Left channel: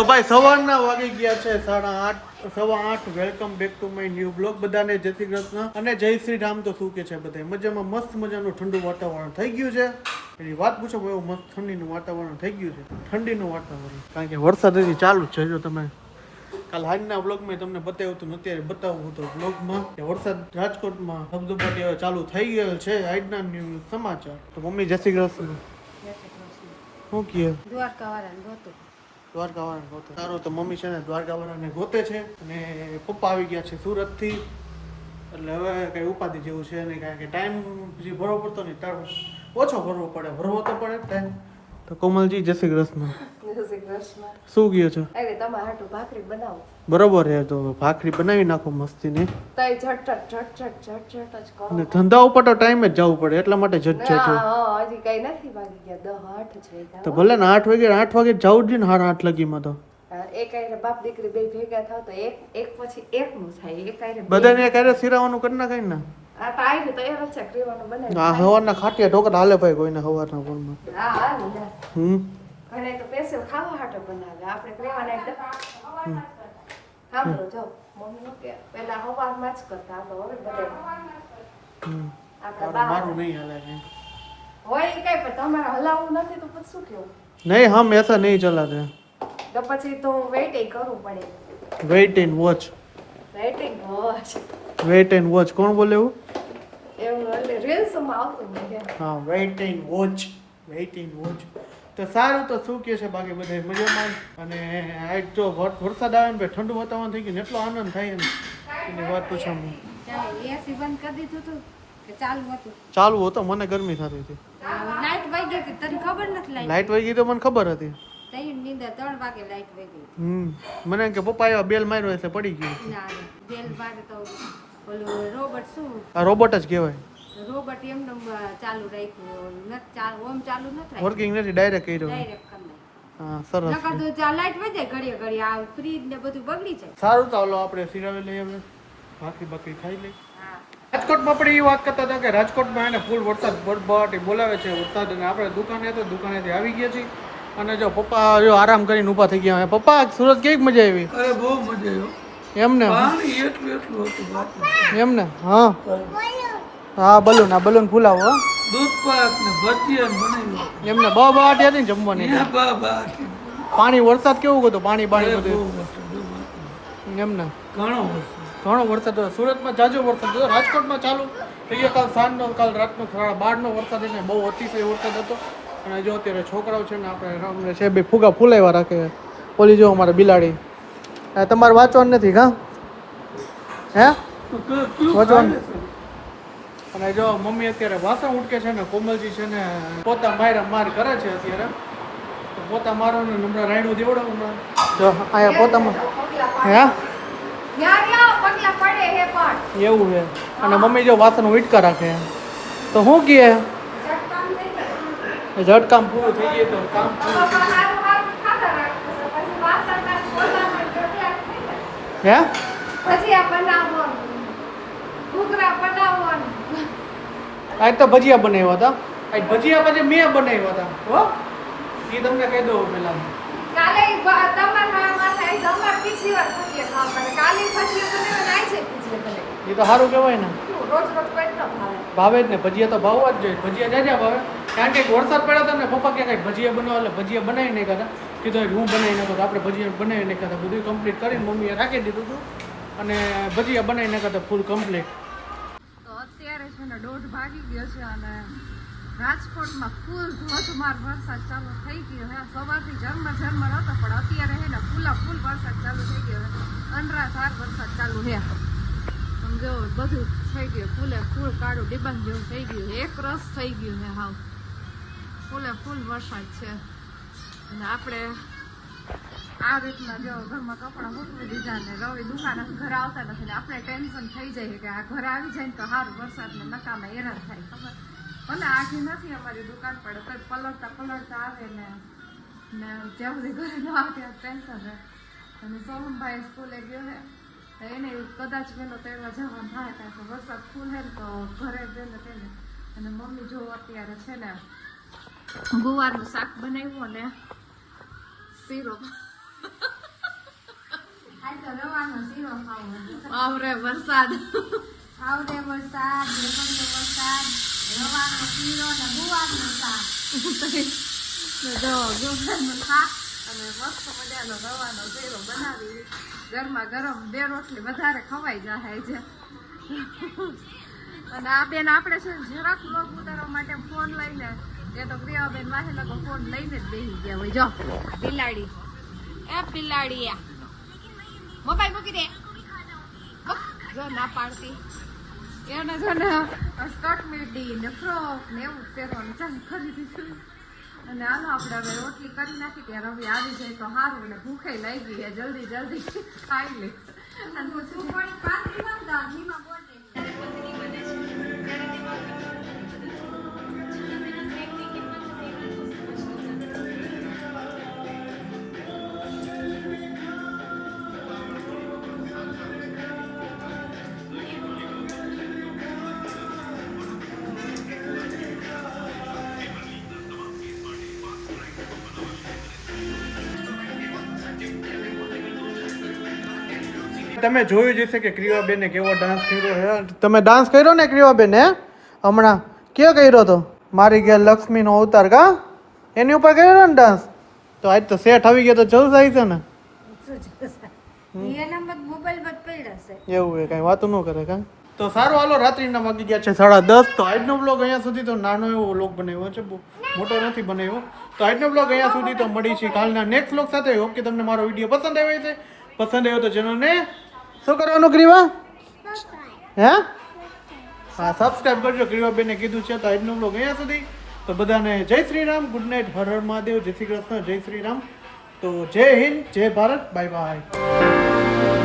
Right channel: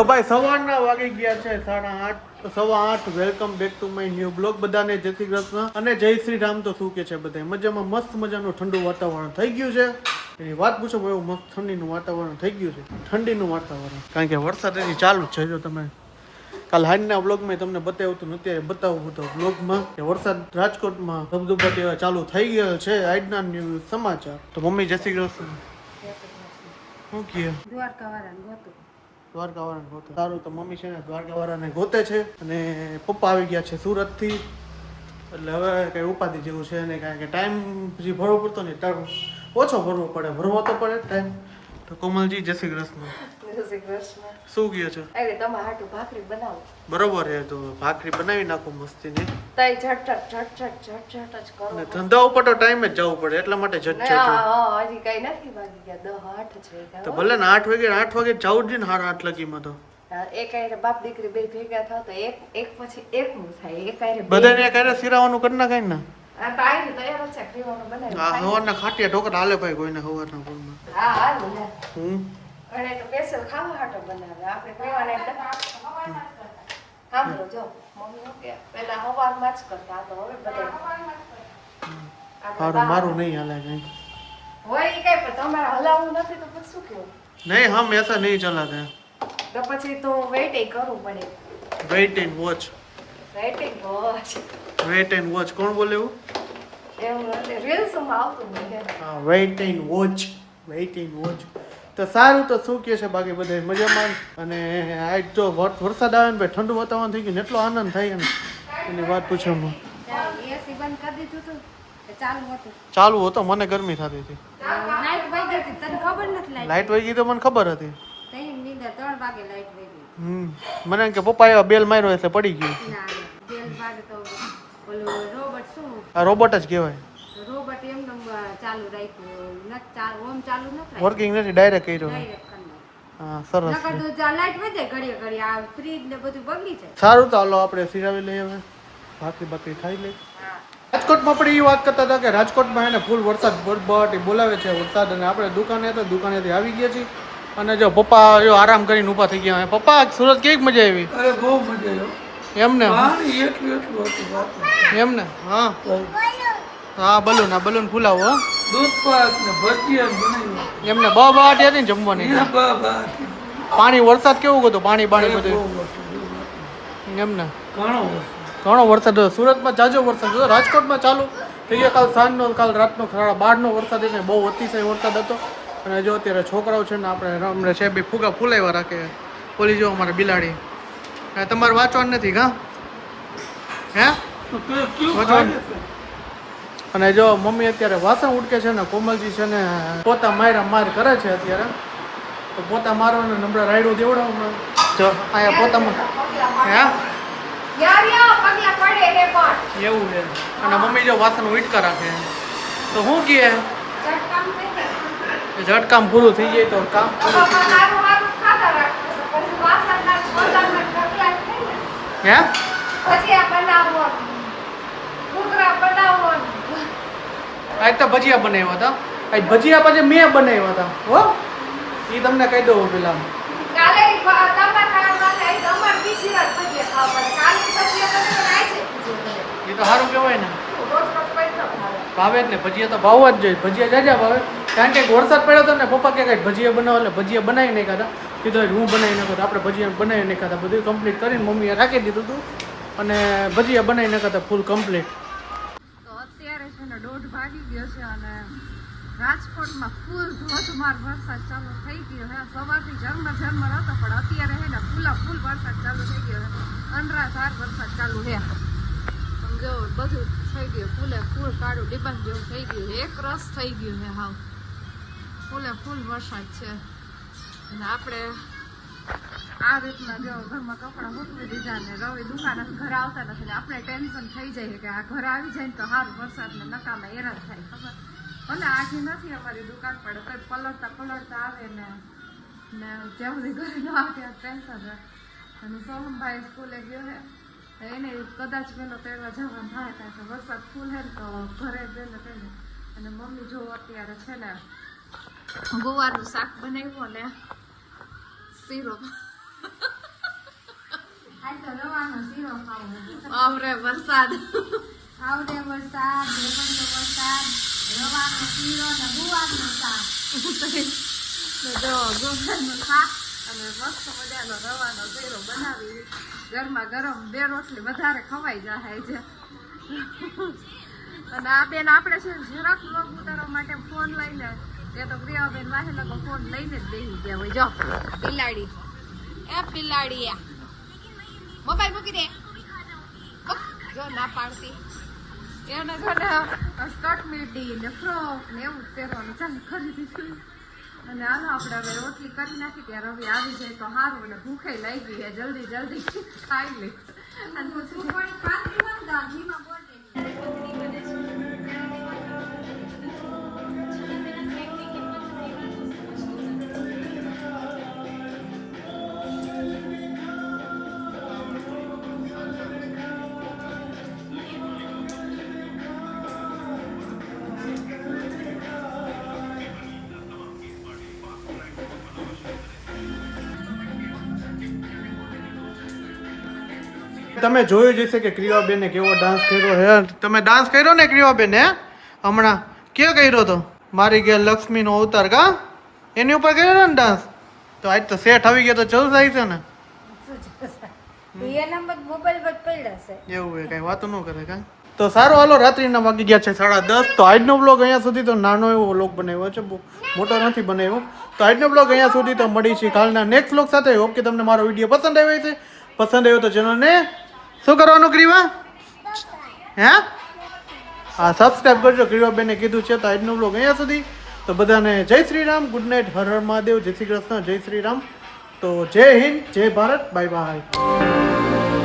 તો ભાઈ સવારના વાગી ગયા છે 8:30 8:15 welcome back to my new blog. બધાને જય શ્રી કૃષ્ણ અને જય શ્રી રામ. તો શું કે છે બધા મજામાં? મસ્ત મજાનું ઠંડુ વાતાવરણ થઈ ગયું છે. એની વાત પૂછો એવું મસ્ત ઠંડીનું વાતાવરણ થઈ ગયું છે. ઠંડીનું વાતાવરણ કારણ કે વરસાદ હજી ચાલુ જ છે. જો તમે કાલ હાંજના બ્લોગમાં તમને બતાવ્યું હતું, અત્યારે બતાવું હતું બ્લોગમાં કે વરસાદ રાજકોટમાં ધબધબાટી હવે ચાલુ થઈ ગયો છે. આજના ન્યૂઝ સમાચાર. તો મમ્મી જય શ્રી કૃષ્ણ. શું કહે? દ્વારકાવાળાને ગોતે. સારું, તો મમ્મી છે ને દ્વારકાવાળાને ગોતે છે અને પપ્પા આવી ગયા છે સુરતથી. એટલે હવે કઈ ઉપાધિ જેવું છે નહીં, કારણ કે ટાઈમ જે ભરવો પડતો ને તારો ઓછો ભરવો પડે, ભરવો તો પડે ટાઈમ. તો કોમલજી જય શ્રી કૃષ્ણ. જય શ્રી કૃષ્ણ. શું કહ્યો છો? અરે તમારા હાટુ ભાખરી બનાવો. બરોબર યાર, તો ભાખરી બનાવી નાખો મસ્તી ની. તઈ ઝટઝટ જ કરો. અને ધંધા ઉપર તો ટાઈમ જ જવું પડે, એટલા માટે ઝટઝટ. હા, હજી કઈ નથી વાગી ગયા 10 8 છે. તો ભલે ને 8 વાગે જવું જ ને 8:30 લગીમાં. તો એક આરે બાપ દીકરી બે ભેગા થાવ તો એક પછી એકનું થાય. એક આરે બધાને એક આરે સિરાવાનું કરી નાખાય ને. આ તો આઈ તૈયાર છે ક્રીવાનું બનાવી. હા, હવારના ખાટિયા ઢોકળા હાલે ભાઈ કોઈને હવારના ફોનમાં. હા હા લે. ઘણે તો સ્પેશિયલ ખાવા હાટો બનાવે. આપણે ક્રીવાના સાંભળો જો મમ્મી કે પહેલા હવારમાં જ કરતા તો હવે બધા મારું નહીં હાલે કઈ હોય કઈ, પણ તમારે હલાવવું નથી તો પછી શું કેવું? નહીં, હમ એસા નહીં ચલાતે. તો પછી તો વેઇટ કરવું પડે. Weight and watch. Weight and watch કોણ બોલે એવું? એવું રીલ્સમાં આવતું મને. હા, weight and watch. Weight and watch. તો સારું, તો શું કહે છે બાકી બધા મજામાં? અને આજ જો વરસાદ આવે ને ભાઈ ઠંડુ વાતાવરણ થઈ ગયું, એટલો આનંદ થાય ને એની વાત પૂછો. એસી બંધ કરી દીધું હતું કે ચાલુ હતું? ચાલુ હતો, મને ગરમી થતી હતી. લાઈટ વહી ગઈ હતી, તને ખબર નથી? લાઈટ વહી ગઈ તો મને ખબર હતી. તઈ નીંદર 3 વાગે લાઈટ વહી ગઈ. મને કે પપ્પા એવા બેલ માર્યો હશે, પડી ગયું. ના બેલ વાગે તો ઓલું રોબોટ શું? આ રોબોટ જ કહેવાય. રોબોટ એમને ચાલુ રાખ્યું નથી, ચાલુ ઓમ ચાલુ નથી, વર્કિંગ નથી, ડાયરેક્ટ કર્યો. ડાયરેક્ટ કરી નાખ્યું. હા, સરસ. નકર તો જા લાઈટ વહી જાય ઘડીએ આ ફ્રીજ ને બધું બગડી જાય. સારું, તો હાલો આપણે સિરાવી લઈએ, હવે ભાખરી ખાઈ લઈએ. રાજકોટમાં આપણે એ વાત કરતા હતા કે રાજકોટમાં એને ફૂલ વરસાદ બરબટી બોલાવે છે વરસાદ, અને આપણે દુકાનેથી આવી ગયા છીએ. અને જો પપ્પા જો આરામ કરીને ઊભા થઈ ગયા. પપ્પા સુરત કેવી મજા આવી? અરે બહુ મજા આવી. એમને એટલું હતું એમને. હા હા, બલૂન ફૂલાવો. દૂધ પાક ને ભજીયા બનાવ્યું એમને બહાટી હતી ને જમવાની. પાણી વરસાદ કેવું હતું? પાણી બધું એમને ઘણો વરસાદ હતો. સુરતમાં જાજો વરસાદ હતો. રાજકોટમાં ચાલુ થઈ ગયા કાલ સાંજનો, કાલ રાતનો 12:30 વરસાદ, એને બહુ અતિશય વરસાદ હતો. અને જો અત્યારે છોકરાઓ છે ને આપણે છે બે ફુગા ફૂલાવ્યા રાખે. ઓલી જો અમારે બિલાડી. તમારે વાંચવાનું નથી કા? હે વાંચવાનું? અને જો મમ્મી અત્યારે વાસણ ઉટકે છે ને, કોમલજી છે ને પોતા માર કરે છે અત્યારે. તો પોતા મારવાનું નંબર રાયડું દેવડાવું જો અહીંયા પોતામાં. હે એવું છે. અને મમ્મી જો વાસણ ઉટકા રાખે તો શું કહે? ઝટકામ પૂરું થઈ જાય તો કામ પૂરું થઈ જાય. હે આજ તો ભજીયા બનાવ્યા હતા. આજ ભજીયા પછી મેં બનાવ્યા હતા. હો, એ તમને કહી દઉં પેલા. એ તો સારું કહેવાય ને, ભાવે જ ને ભજીયા તો ભાવવા જ જોઈએ. ભજીયા જાજા ભાવે, કારણ કે વરસાદ પડ્યો હતો ને પપ્પા કે કંઈક ભજીયા બનાવો, એટલે ભજીયા બનાવી નહીં ખાતા. કીધું હું બનાવી નાખો, તો આપણે ભજીયા બનાવી નહીં ખાતા. બધું કમ્પ્લીટ કરીને મમ્મીએ રાખી દીધું હતું અને ભજીયા બનાવી નાખા હતા ફૂલ કમ્પ્લીટ. તો અત્યારે છે ને 1:30 વાગી ગયો છે અને રાજકોટમાં ફૂલ ધોધમાર વરસાદ ચાલુ થઈ ગયો હે. સવારથી ઝરમર હતો, પણ અત્યારે છે ને ફૂલ વરસાદ ચાલુ થઈ ગયો. અનરાધાર વરસાદ ચાલુ છે. જો બધું થઈ ગયું ફૂલ કાળું ડિબન જેવું થઈ ગયું, એક રસ થઈ ગયું છે. હાવ ફૂલ વરસાદ છે. અને આપણે આ રીતના જો ઘરમાં કપડાં મૂકવી દીધા ને રવિ દુકાને ઘર આવતા નથી ને આપણે ટેન્શન થઈ જાય કે આ ઘર આવી જાય ને તો સારું વરસાદને નકામાં હેરાન થાય. ખબર ભલે આજી નથી અમારી દુકાન પર, કંઈ પલળતા આવે ને જ્યાં સુધી ઘરે ન આવે ત્યાં ટેન્શન રહે. અને સોનમભાઈ સ્કૂલે ગયો છે, એને કદાચ વહેલો તેડવા જવાનું થાય, કારણ કે વરસાદ ફૂલ હે ને તો ઘરે વહેલો તેડે. અને મમ્મી જો અત્યારે છે ને ગુવારનું શાક બનાવ્યું ને શીરો આવરે વરસાદ આવરે વરસાદ ઢેબરીનો વરસાદ રવાનો શીરો ને ગુવારનું શાક જો ગુવારનું શાક અને મસ્ત મજાનો રવાનો શીરો બનાવી ગરમા ગરમ બે રોટલી વધારે ખવાઈ જાય છે. અને આ બેન આપણે છે ને જરાક લોક ઉતારવા માટે ફોન લઈને એ તો પ્રિયાબેન વાસેલા તો ફોન લઈને જ બેસી ગયા હોય. જો બિલાડી એ બિલાડી મોબાઈલ મૂકી દે જો ના પાડતી એને જો ને સ્કર્ટ મીડી ને ફ્રોક ને એવું પહેરવાનું ચાલ ખરીદી છે. અને હાલો આપણે હવે રોટલી કરી નાખી કે રવિ આવી જાય તો સારું ને ભૂખે લાગી છે જલ્દી જલ્દી ખાઈ લે. અને તમે જોયું જ હશે કે ક્રિયાબેને કેવો ડાન્સ કર્યો છે. તમે ડાન્સ કર્યો ને ક્રિયાબેન હે હમણાં કયો કર્યો તો મારી ઘેર લક્ષ્મીનો અવતાર કા એની ઉપર કર્યો ને ડાન્સ તો આજ તો સેટ આવી ગયો તો જલ્દ આવી છે ને એવું છે કઈ વાતો ન કરે કા. તો સારું હાલો રાત્રિના વાગી ગયા છે 10:30. તો આજનો બ્લોગ અહીંયા સુધી તો નાનો એવો બ્લોગ બનાવ્યો છે, બહુ મોટો નથી બનાવ્યો. તો આજનો બ્લોગ અહીંયા સુધી તો મળી છે કાલના નેક્સ્ટ બ્લોગ સાથે. હોપ કે તમને મારો વિડીયો પસંદ આવ્યો છે. પસંદ આવ્યો તો ચેનલને શું કરવાનું ક્રિવા હે હા સબસ્ક્રાઈબ કરજો. ક્રિવાબેને કીધું છે. તો આજનો બ્લોગ અહીંયા સુધી. તો બધાને જય શ્રી રામ, ગુડ નાઇટ, હર હર મહાદેવ, જય શ્રી કૃષ્ણ, જય શ્રી રામ. તો જય હિન્દ, જય ભારત, બાય બાય.